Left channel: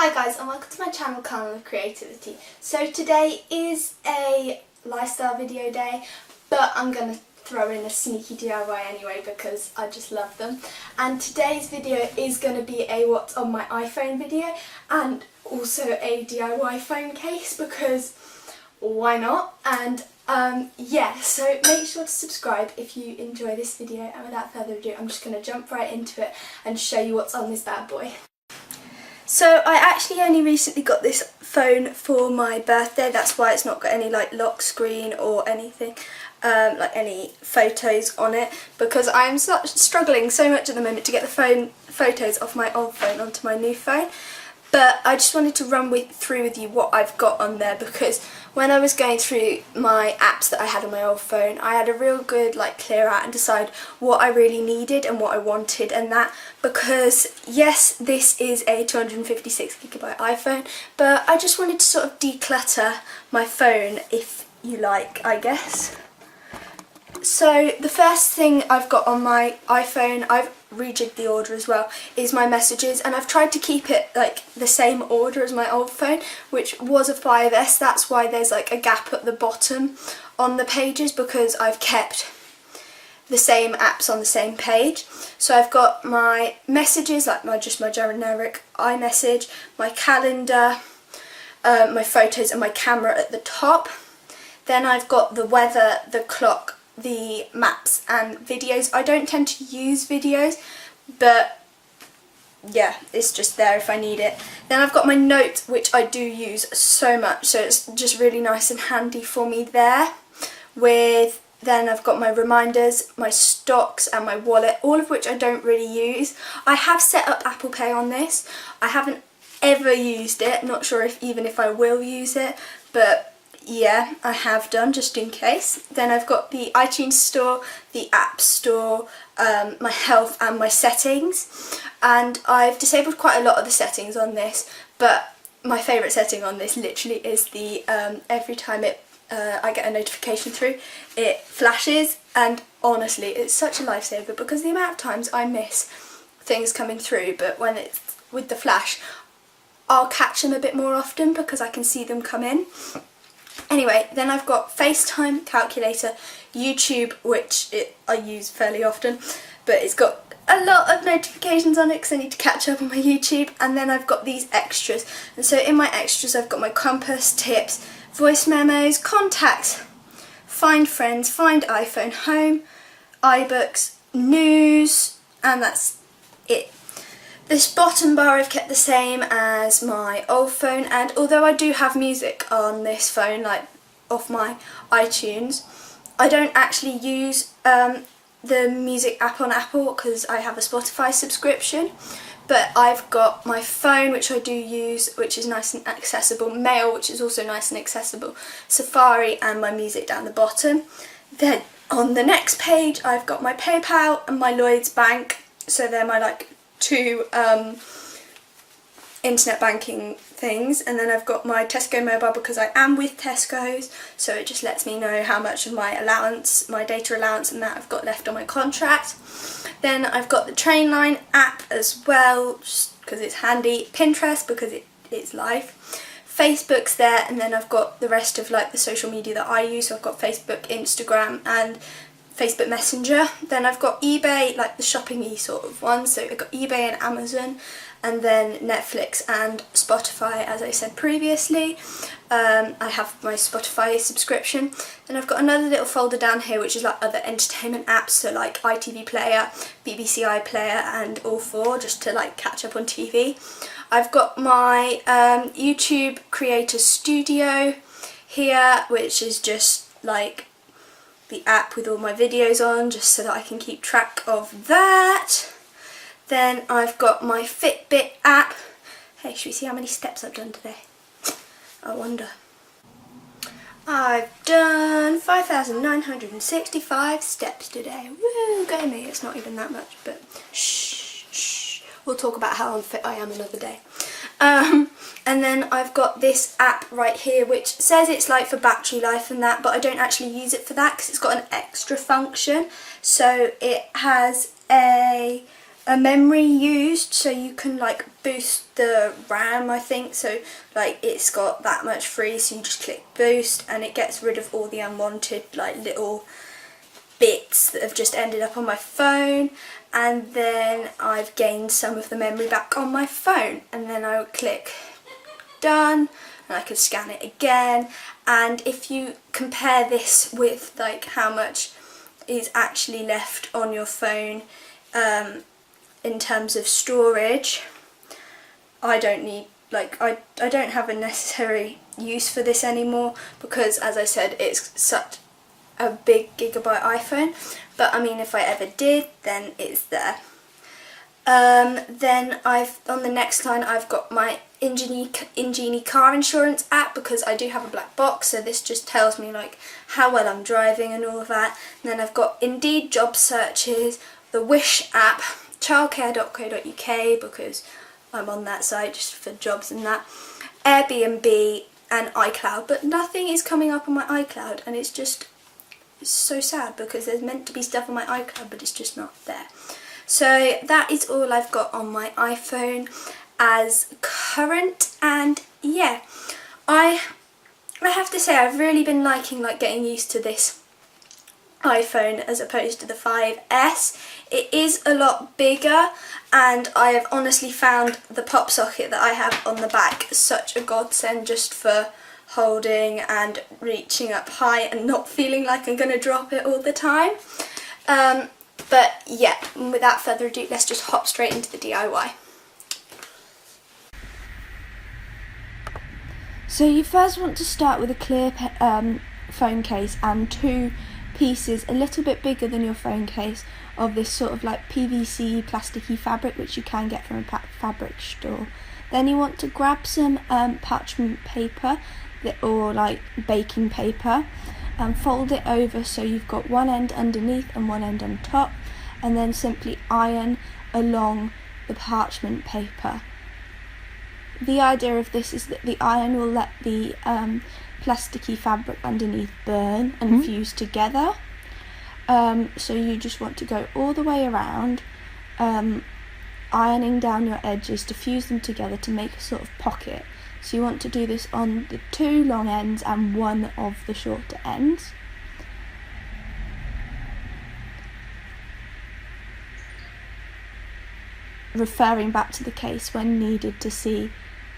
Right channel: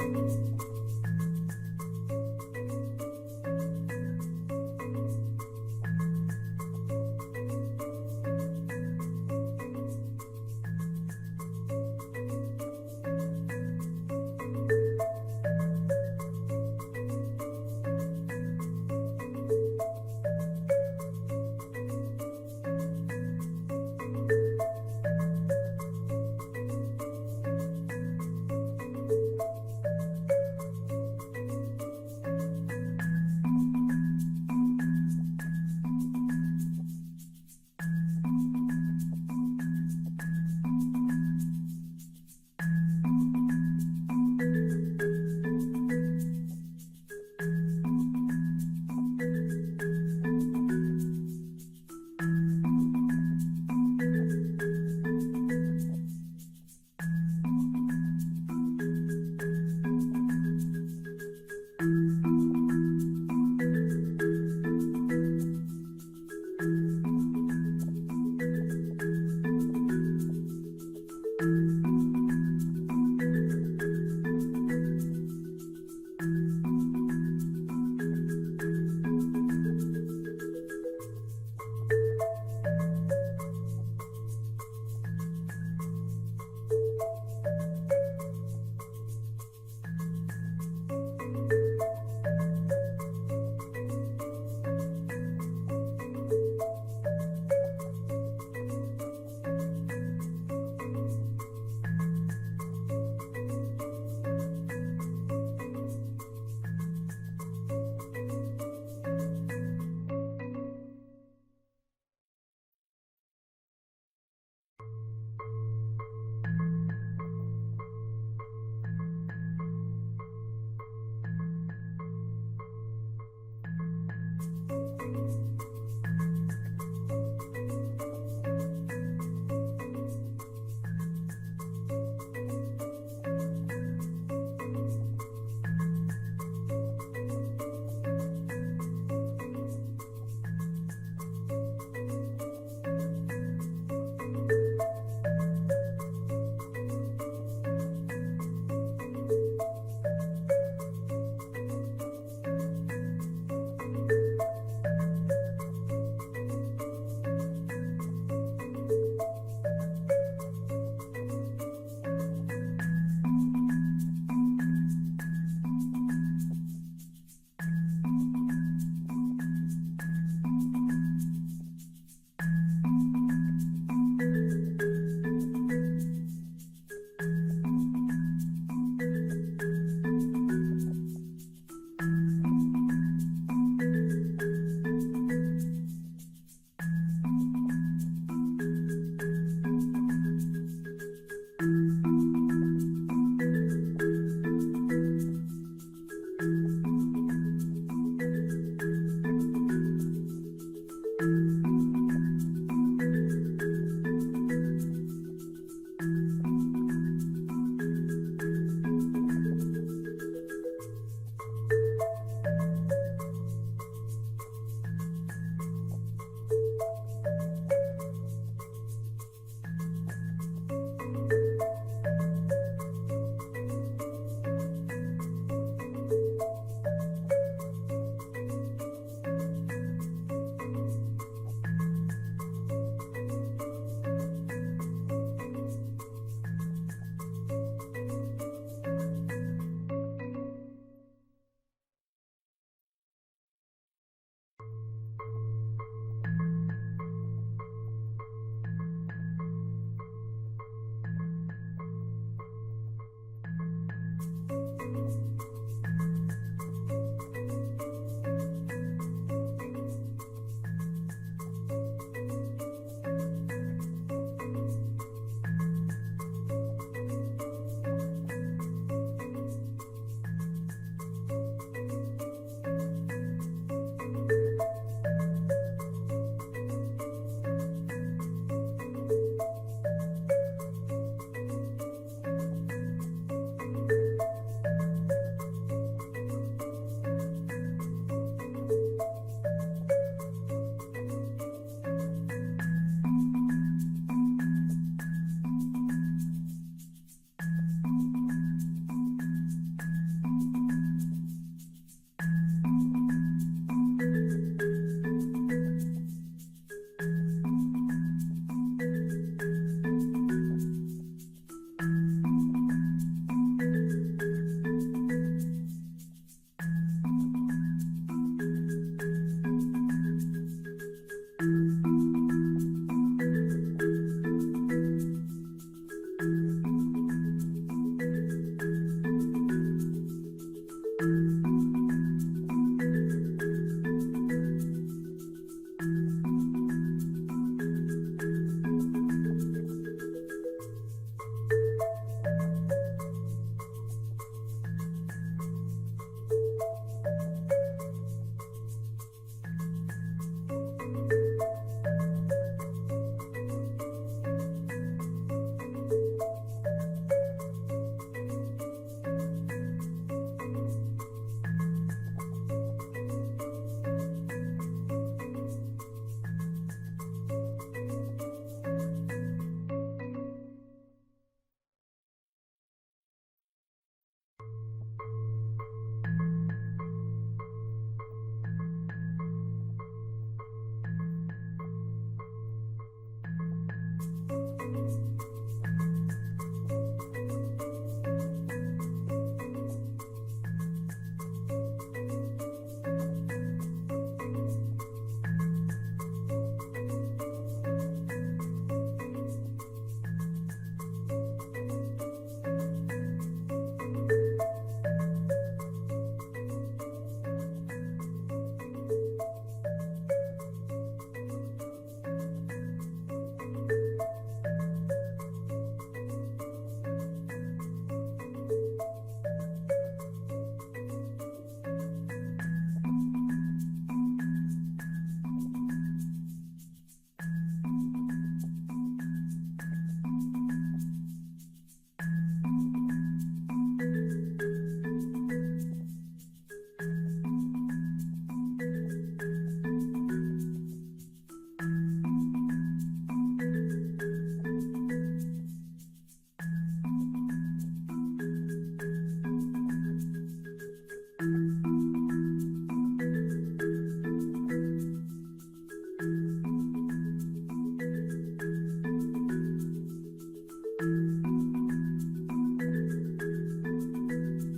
Hi guys, and welcome to my channel, Carnival of Creativity. So today is a lifestyle video day, but I'm going to throw in a sneaky DIY anyway because I just love them. And today's video is going to be a what's on my iPhone video and also a DIY phone case because why not? And yeah, so make sure to subscribe if you enjoy this video, and without further ado I'm just going to jump right into it and show you what's on this bad boy. So I actually only recently got this phone for my birthday, that's why it's not got any like lock screen or anything, like any photos on it, because I'm struggling so much at the moment to get the photos off my old phone onto my new phone. But I just wanted to run through with you what I've got on there, because when I was going through my apps that I had on my old phone, I had a real good clear out and decide what I really needed and what I wanted and that, because yes, this is a 256GB iPhone, but I just wanted to sort of declutter my phone, if you like, I guess. So the first thing I've got on my iPhone, I've rejigged the order as well, is my messages, and I've tried to keep it the same order as my old phone, which was a 5S. That's why there's a gap at the bottom on the pages, because I've kept the same apps on the same page. So I've got my messages, just my generic iMessage, my calendar, my photos and my camera at the top. Then I've got the weather, the clock, the maps and videos. I don't tend to use videos, but yeah, it's just there if I need it. Then I've got my notes, which I do use so much, so it's just really nice and handy for me there. Then I've got my reminders, my stocks and my wallet, all of which I don't really use. I have set up Apple Pay on this. I haven't ever used it, not sure even if I will use it, but yeah, I have done, just in case. Then I've got the iTunes store, the App Store, my health and my settings, and I've disabled quite a lot of the settings on this, but my favourite setting on this literally is the every time I get a notification through, it flashes, and honestly it's such a lifesaver because the amount of times I miss things coming through, but when it's with the flash I'll catch them a bit more often because I can see them come in. Anyway, then I've got FaceTime, calculator, YouTube, which I use fairly often, but it's got a lot of notifications on it because I need to catch up on my YouTube. And then I've got these extras, and so in my extras I've got my compass, tips, voice memos, contacts, find friends, find iPhone, home, iBooks, news, and that's it. This bottom bar I've kept the same as my old phone, and although I do have music on this phone, off my iTunes, I don't actually use the music app on Apple because I have a Spotify subscription. But I've got my phone, which I do use, which is nice and accessible, Mail, which is also nice and accessible, Safari, and my music down the bottom. Then on the next page I've got my PayPal and my Lloyds Bank, so they're my two internet banking things. And then I've got my Tesco mobile because I am with Tesco's, so it just lets me know how much of my allowance, my data allowance and that I've got left on my contract. Then I've got the Trainline app as well, just because it's handy, Pinterest because it's live, Facebook's there, and then I've got the rest of the social media that I use. So I've got Facebook, Instagram and Facebook Messenger. Then I've got eBay, the shopping-y sort of one, so I've got eBay and Amazon, and then Netflix and Spotify, as I said previously. I have my Spotify subscription. Then I've got another little folder down here which is other entertainment apps, so ITV Player, BBC iPlayer and All4, just to catch up on TV. I've got my YouTube Creator Studio here, which is just the app with all my videos on, just so that I can keep track of that. Then I've got my Fitbit app. Hey, should we see how many steps I've done today? I wonder. I've done 5,965 steps today. Woo, go me. It's not even that much, but shh, shh. We'll talk about how unfit I am another day. And then I've got this app right here which says it's for battery life and that, but I don't actually use it for that because it's got an extra function. So it has a a memory used, so you can like boost the RAM, I think. So like it's got that much free, so you just click boost and it gets rid of all the unwanted like little bits that have just ended up on my phone. And then I've gained some of the memory back on my phone, and then I would click done and I can scan it again. And if you compare this with like how much is actually left on your phone in terms of storage, I don't need I don't have a necessary use for this anymore, because as I said, it's such a big gigabyte iPhone. But I mean, if I ever did, then it's there. Then on the next line I've got my Ingenie car insurance app, because I do have a black box, so this just tells me like how well I'm driving and all of that. And then I've got Indeed job searches, the Wish app, childcare.co.uk, because I'm on that site just for jobs and that, Airbnb and iCloud, but nothing is coming up on my iCloud, and it's so sad because there's meant to be stuff on my iCloud but it's just not there. So that is all I've got on my iPhone as current. And yeah, I have to say I've really been liking getting used to this iPhone as opposed to the 5S. It is a lot bigger, and I have honestly found the pop socket that I have on the back such a godsend, just for holding and reaching up high and not feeling like I'm going to drop it all the time. But yeah, without further ado, let's just hop straight into the DIY. So you first want to start with a clear phone case and two pieces a little bit bigger than your phone case of this sort of like PVC plasticky fabric, which you can get from a fabric store. Then you want to grab some parchment paper or like baking paper and fold it over so you've got one end underneath and one end on top, and then simply iron along the parchment paper. The idea of this is that the iron will let the plasticky fabric underneath burn and fuse together. So you just want to go all the way around, ironing down your edges to fuse them together to make a sort of pocket. So you want to do this on the two long ends and one of the shorter ends. Referring back to the case when needed to see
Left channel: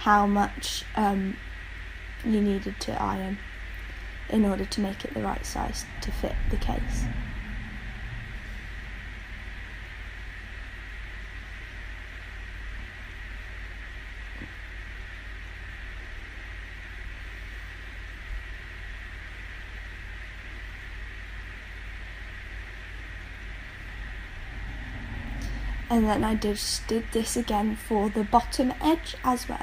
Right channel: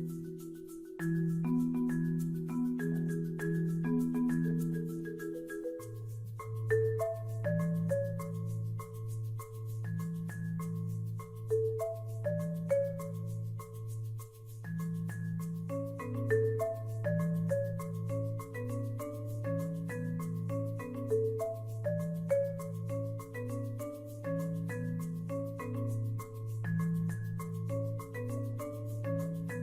how much you needed to iron in order to make it the right size to fit the case. And then I just did this again for the bottom edge as well.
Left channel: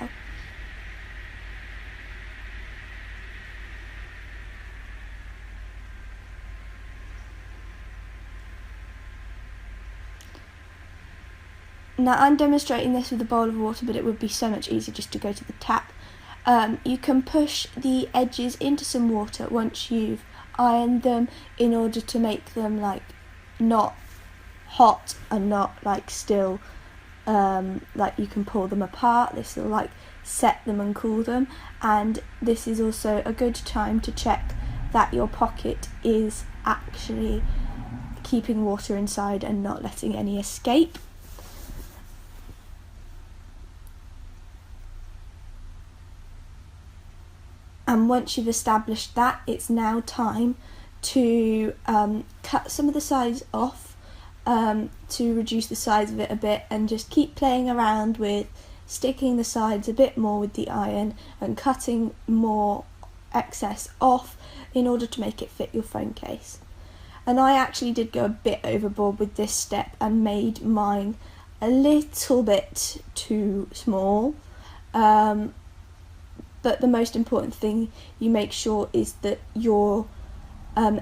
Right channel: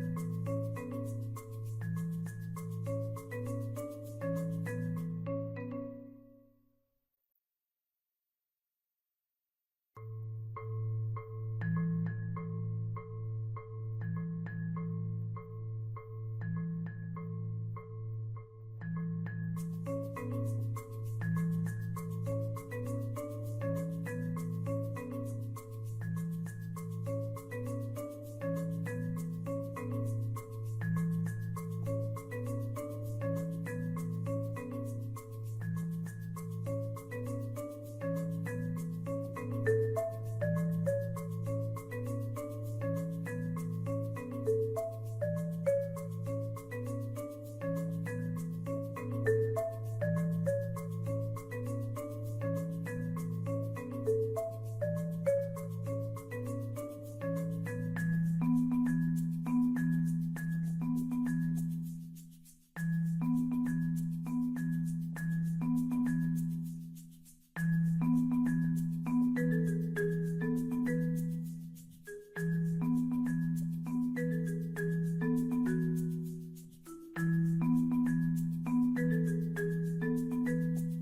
Now I'm demonstrating this with a bowl of water, but it would be so much easier just to go to the tap. You can push the edges into some water once you've ironed them in order to make them like not hot and not like still like you can pull them apart. This will like set them and cool them, and this is also a good time to check that your pocket is actually keeping water inside and not letting any escape. And once you've established that, it's now time to cut some of the sides off to reduce the size of it a bit, and just keep playing around with sticking the sides a bit more with the iron and cutting more excess off in order to make it fit your phone case. And I actually did go a bit overboard with this step and made mine a little bit too small. But the most important thing you make sure is that your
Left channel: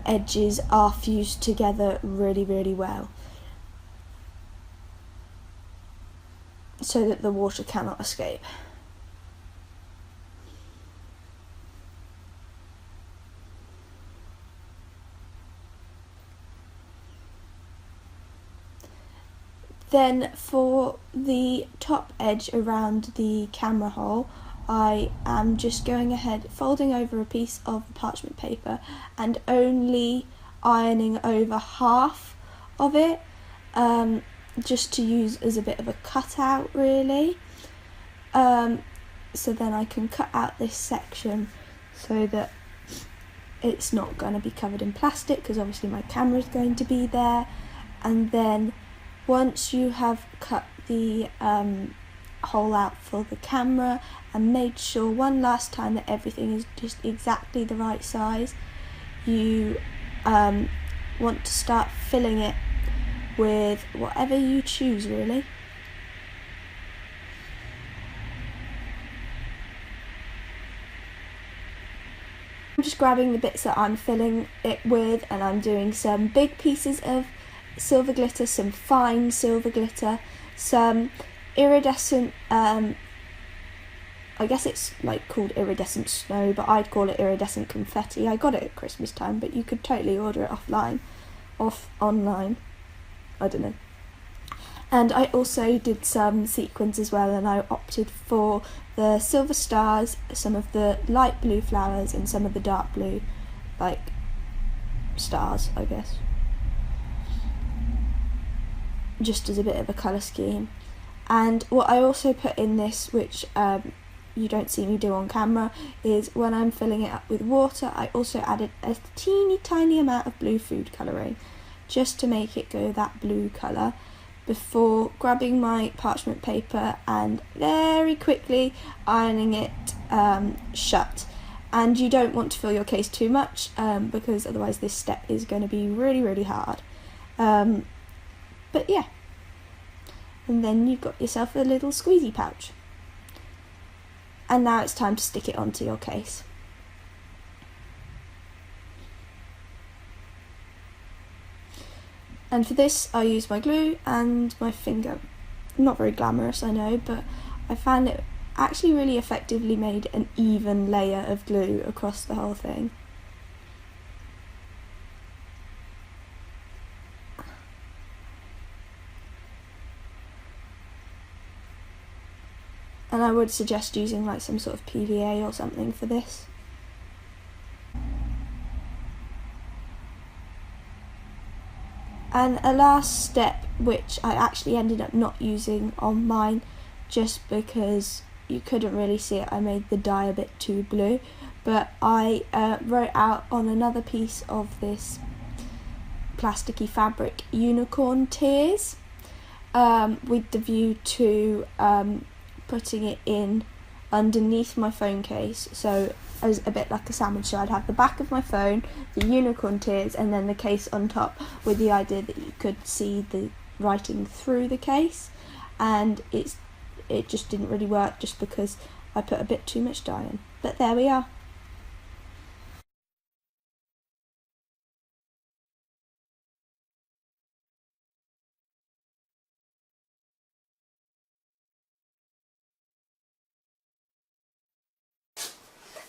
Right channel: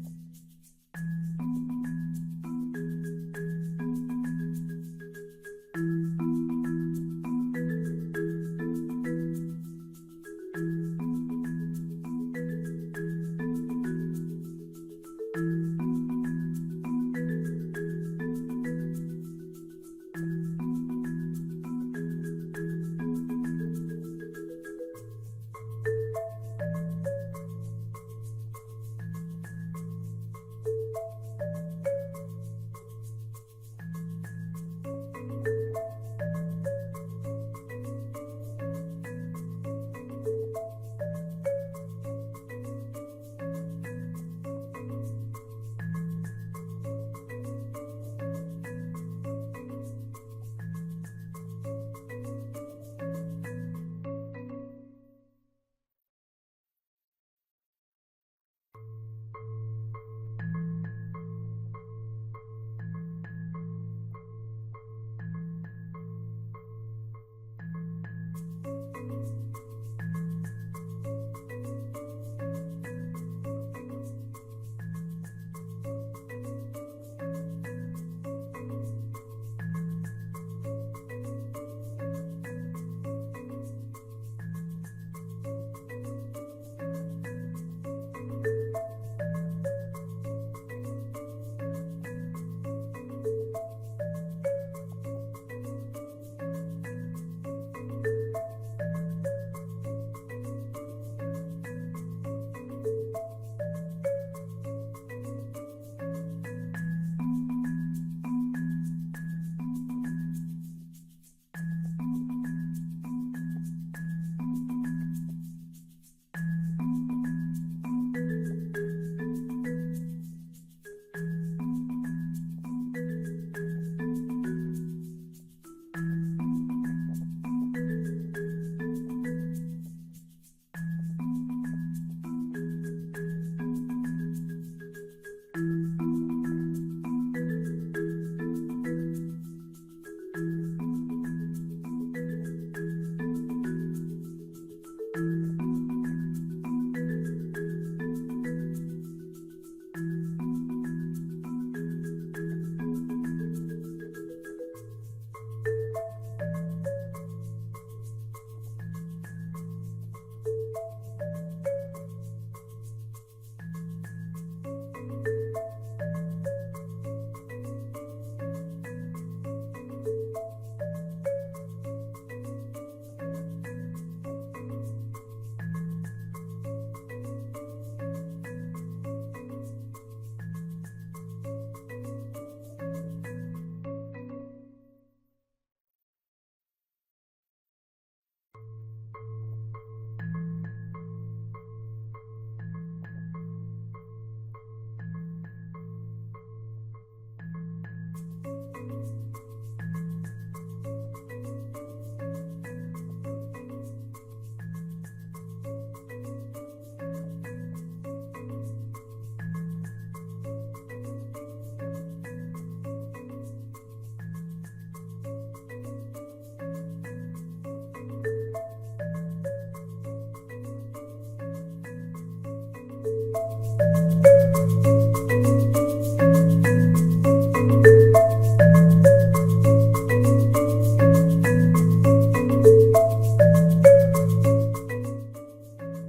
edges are fused together really, really well, so that the water cannot escape. Then for the top edge around the camera hole, I am just going ahead, folding over a piece of parchment paper and only ironing over half of it, just to use as a bit of a cutout really. So then I can cut out this section so that it's not going to be covered in plastic, because obviously my camera is going to be there. And then once you have cut the hole out for the camera and made sure one last time that everything is just exactly the right size, you want to start filling it with whatever you choose really. I'm just grabbing the bits that I'm filling it with, and I'm doing some big pieces of silver glitter, some fine silver glitter, some iridescent, I guess it's like called iridescent snow, but I'd call it iridescent confetti. I got it at Christmas time, but you could totally order it online, I don't know. And I also did some sequins as well, and I opted for the silver stars, some of the light blue flowers, and some of the dark blue, like, stars, I guess. Just as a bit of a colour scheme. And what I also put in this, which you don't see me do on camera, is when I'm filling it up with water, I also added a teeny tiny amount of blue food colouring, just to make it go that blue colour, before grabbing my parchment paper and very quickly ironing it shut. And you don't want to fill your case too much, because otherwise this step is going to be really hard. But yeah, and then you've got yourself a little squeezy pouch. And now it's time to stick it onto your case. And for this I use my glue and my finger. Not very glamorous, I know, but I found it actually really effectively made an even layer of glue across the whole thing. And I would suggest using like some sort of PVA or something for this. And a last step, which I actually ended up not using on mine just because you couldn't really see it, I made the dye a bit too blue, but I wrote out on another piece of this plasticky fabric unicorn tears, with the view to putting it in underneath my phone case, so as a bit like a sandwich. So I'd have the back of my phone, the unicorn tears, and then the case on top, with the idea that you could see the writing through the case. And it just didn't really work, just because I put a bit too much dye in. But there we are.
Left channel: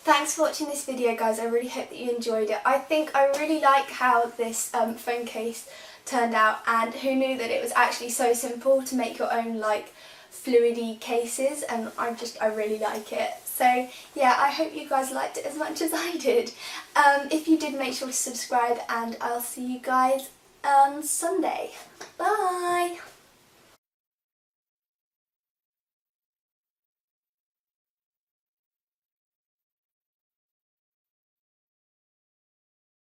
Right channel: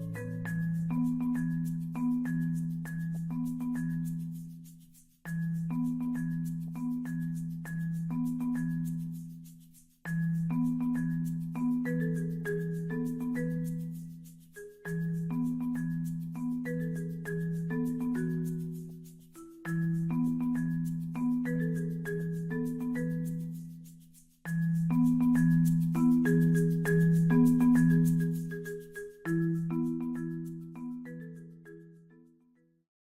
Thanks for watching this video, guys. I really hope that you enjoyed it. I think I really like how this phone case turned out, and who knew that it was actually so simple to make your own like fluidy cases, and I really like it. So yeah, I hope you guys liked it as much as I did. If you did, make sure to subscribe, and I'll see you guys on Sunday. Bye!